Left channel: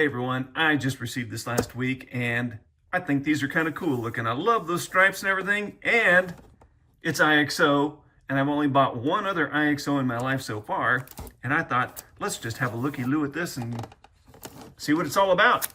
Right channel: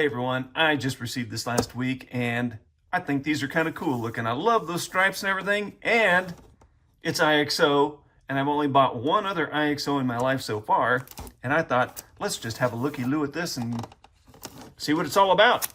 Hey everyone, I just received this last week and I think these are kind of cool looking. I love those stripes and everything, and it's IXO, and I've only bought one other IXO in my life so far, and I thought, let's just have a looky-loo at this and see what it's all about.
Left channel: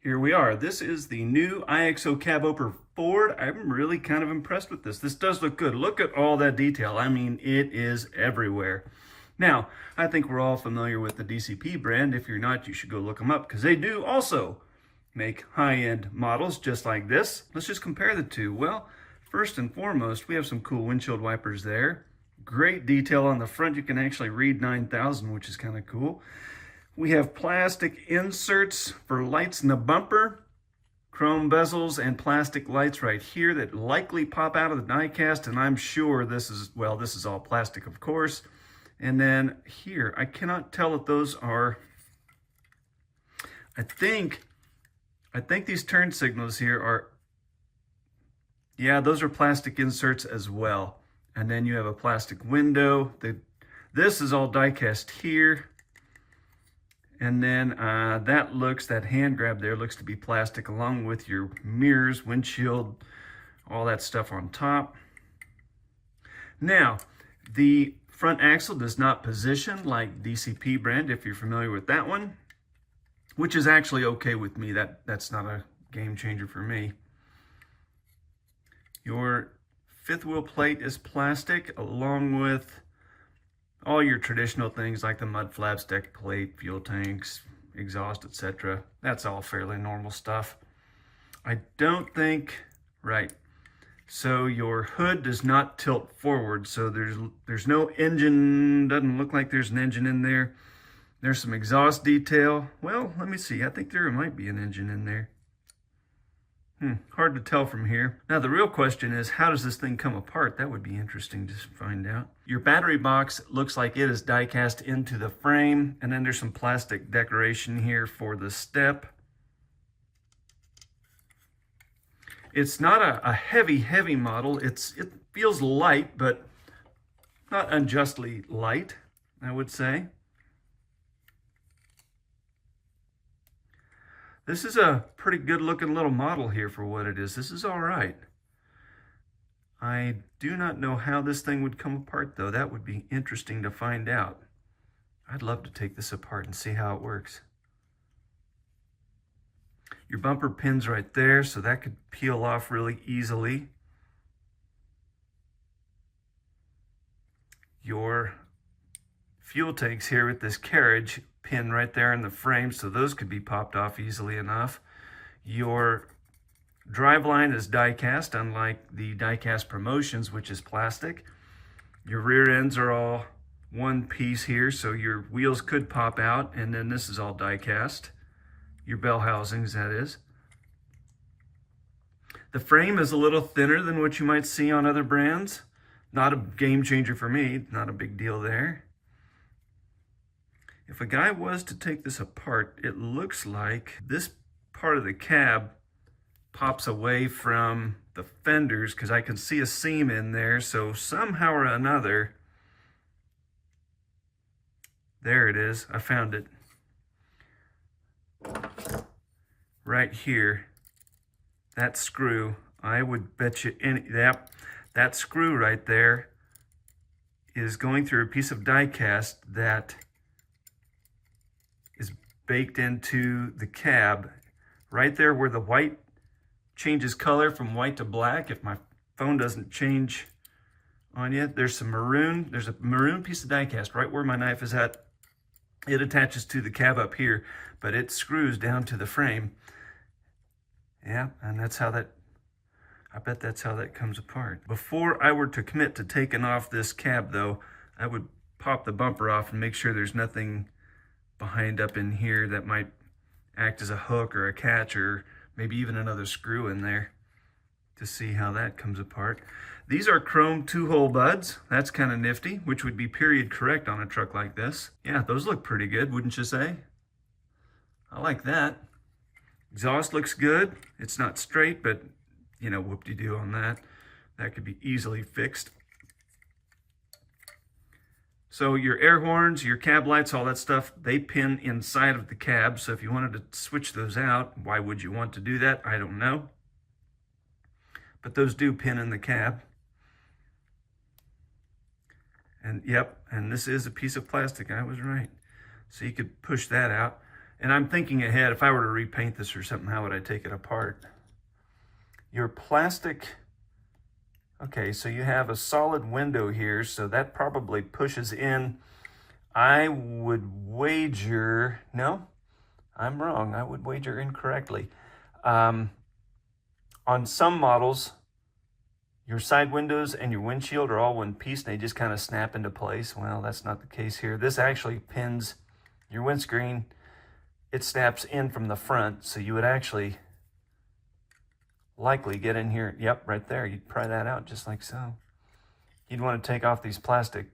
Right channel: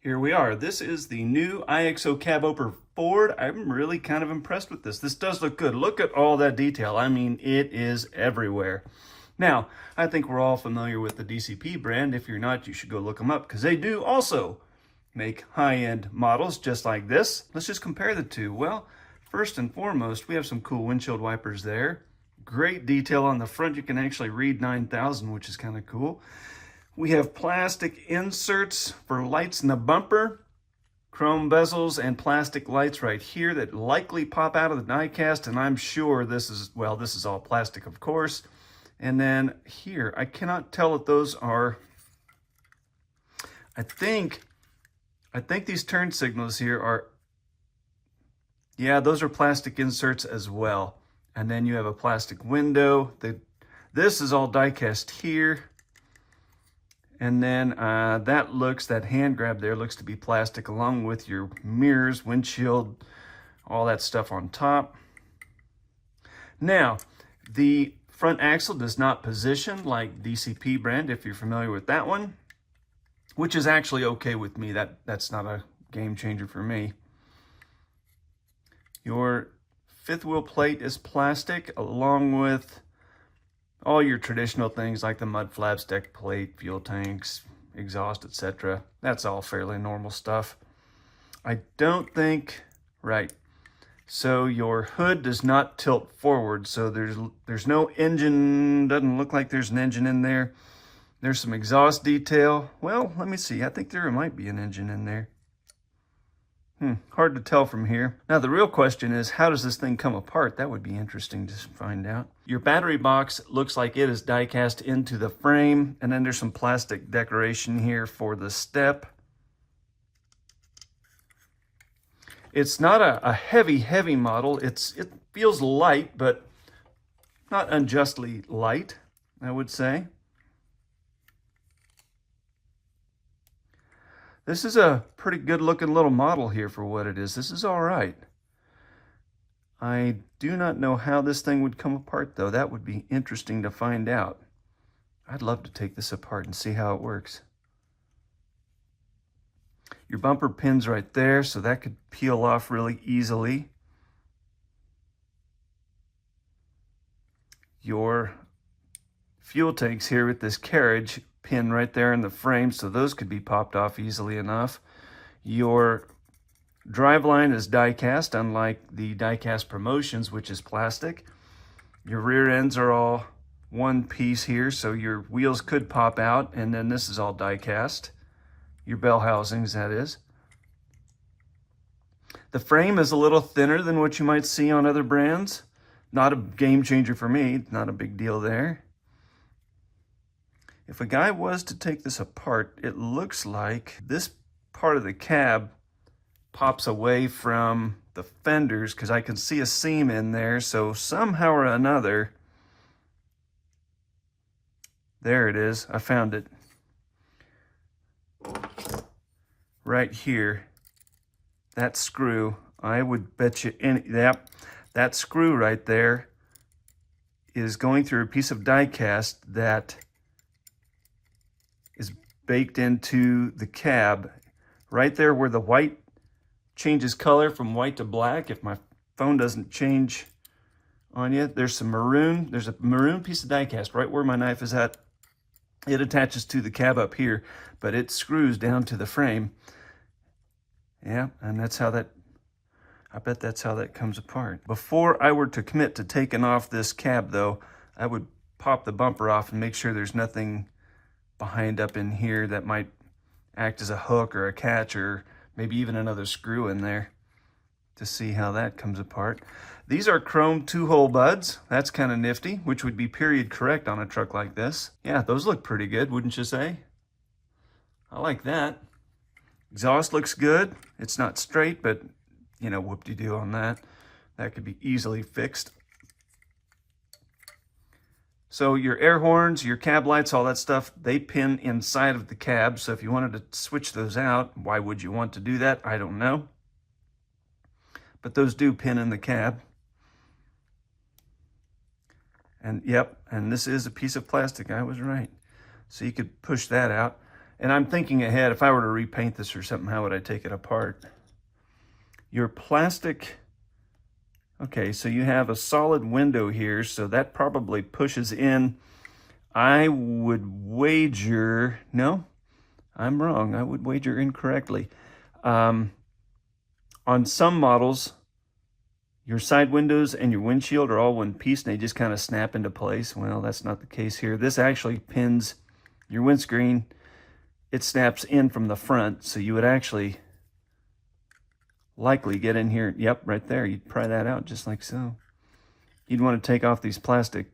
Here we are. This is the new IXO cab opener Ford. I'm really kind of impressed with this. This does look good. Look at all that detail. I mean, it is everywhere. Now, I think we're all familiar with the DCP brand. If you're not, you should go look them up because they do also make high-end models just like this. Let's just compare the two. Well, first and foremost, we have some cool windshield wipers there. Great detail on the front. You can actually read 9000, which is kind of cool. We have plastic inserts for lights in the bumper, chrome bezels, and plastic lights right here that likely pop out of the die cast, and I'm sure this is, well, this is all plastic, of course. And then here, I cannot tell if those are, I think these turn signals here are, yeah, those are plastic inserts as well. And then you have a plastic window. This is all die cast here. And then that hand grab there looks to be plastic, along with your mirrors, windshield, all that stuff on top. Now, the front axle does not position like DCP brand, if you're familiar with that one, which is actually okay with me. That's not a game changer for me. Your fifth wheel plate is plastic, along with all your traditional things like the mud flaps, deck plate, fuel tanks, exhaust, etc. That's all fairly normal stuff. I don't think, right. So your hood does not tilt forward, so there's no engine, doesn't look like there's an engine in there. There's some exhaust detail. Well, let me see, I think there might be an engine in there. Hard to tell from here. Now the real question is, how does this thing come apart? That would be interesting to find out. Your battery box looks like it is die cast into the frame, and then there's some plastic decoration here for the step. It's not a heavy model. It feels light, but not unjustly light, I would say. This is a pretty good looking little model here for what it is. This is all right. I do not know how this thing would come apart though. That would be interesting to find out. I'd love to take this apart and see how it works. Your bumper pin's right there, so that could peel off really easily. Your fuel tanks here with this carriage pin right there in the frame, so those could be popped off easily enough. Your driveline is die cast, unlike the die cast Promotions, which is plastic. Your rear ends are all one piece here, so your wheels could pop out, and then this is all die cast. Your bell housings, that is. The frame is a little thinner than what you might see on other brands. Not a game changer for me, not a big deal there. If a guy was to take this apart, it looks like this part of the cab pops away from the fenders because I can see a seam in there. So somehow or another, there it is. I found it. Right here, that screw, I would bet you that screw right there is going through a piece of die cast that is baked into the cab. Right there where the white changes color from white to black, if my phone doesn't change on you, there's a maroon piece of die cast right where my knife is at. It attaches to the cab up here, but it screws down to the frame. Yeah, and that's how that, I bet that's how that comes apart. Before I were to commit to taking off this cab though, I would pop the bumper off and make sure there's nothing behind up in here that might act as a hook or a catch, or maybe even another screw in there, to see how that comes apart. These are chrome 2-hole buds. That's kind of nifty, which would be period correct on a truck like this. Yeah, those look pretty good, wouldn't you say? I like that. Exhaust looks good. It's not straight, but you know, whoop-de-doo on that. That could be easily fixed. So your air horns, your cab lights, all that stuff, they pin inside of the cab. So if you wanted to switch those out, why would you want to do that? I don't know. But those do pin in the cab. And yep, and this is a piece of plastic, I was right. So you could push that out. And I'm thinking ahead, if I were to repaint this or something, how would I take it apart? Your plastic, okay, so you have a solid window here, so that probably pushes in. I would wager, no, I'm wrong. I would wager incorrectly. On some models, your side windows and your windshield are all one piece and they just kind of snap into place. Well, that's not the case here. This actually pins your windscreen. It snaps in from the front, so you would actually likely get in here. Yep, right there. You'd pry that out just like so. You'd want to take off these plastic,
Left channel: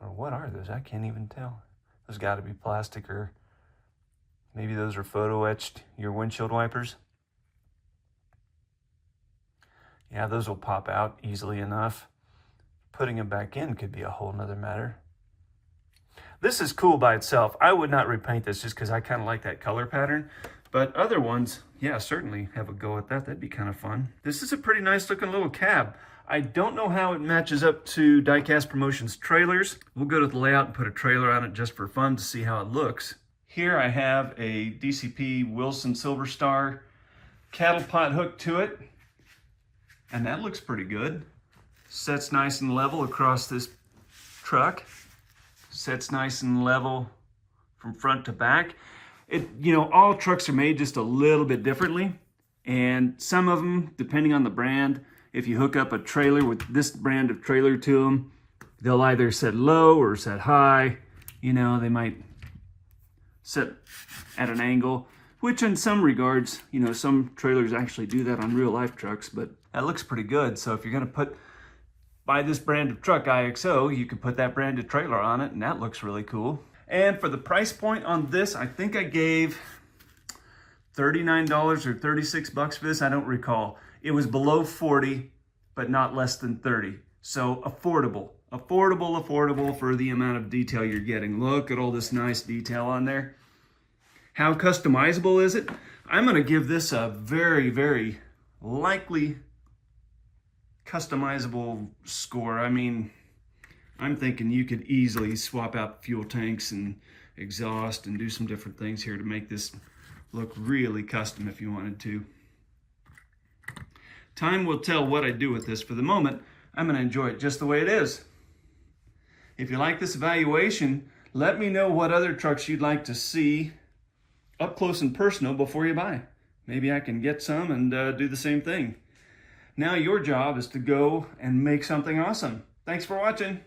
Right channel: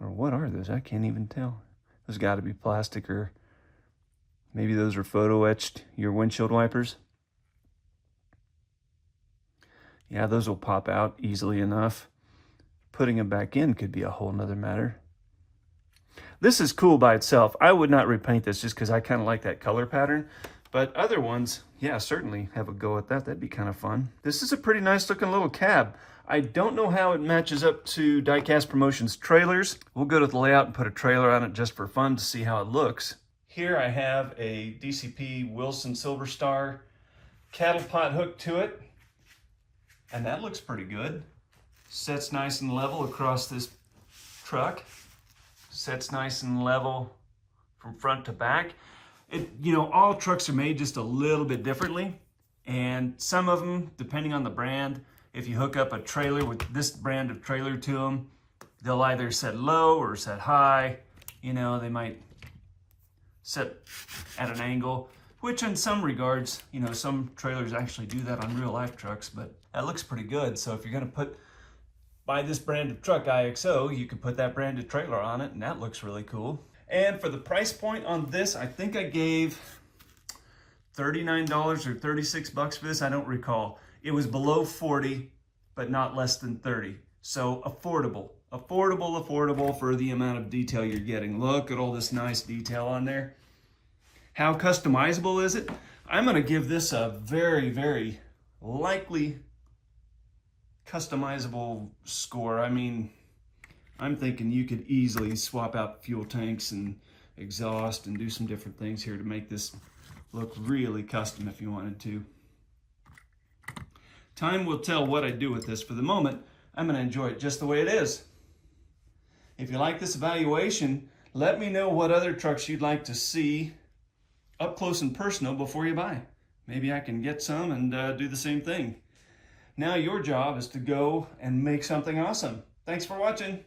or what are those? I can't even tell. There's got to be plastic, or maybe those are photo etched, your windshield wipers. Yeah, those will pop out easily enough. Putting them back in could be a whole nother matter. This is cool by itself. I would not repaint this just because I kind of like that color pattern. But other ones, yeah, certainly have a go at that. That'd be kind of fun. This is a pretty nice looking little cab. I don't know how it matches up to Diecast Promotions trailers. We'll go to the layout and put a trailer on it just for fun to see how it looks. Here I have a DCP Wilson Silver Star cattle pot hook to it. And that looks pretty good. Sets nice and level across this truck. Sets nice and level from front to back. You know, all trucks are made just a little bit differently, and some of them, depending on the brand, if you hook up a trailer with this brand of trailer to them, they'll either set low or set high. You know, they might set at an angle, which in some regards, you know, some trailers actually do that on real life trucks, but that looks pretty good. So if you're gonna buy this brand of truck, IXO, you can put that brand of trailer on it, and that looks really cool. And for the price point on this, I think I gave $39 or 36 bucks for this. I don't recall. It was below 40, but not less than 30. So affordable, affordable for the amount of detail you're getting. Look at all this nice detail on there. How customizable is it? I'm gonna give this a very, very likely customizable score. I mean, I'm thinking you could easily swap out fuel tanks and exhaust and do some different things here to make this look really custom if you wanted to. Time will tell what I do with this. For the moment, I'm going to enjoy it just the way it is. If you like this evaluation, let me know what other trucks you'd like to see up close and personal before you buy. Maybe I can get some and do the same thing. Now your job is to go and make something awesome. Thanks for watching.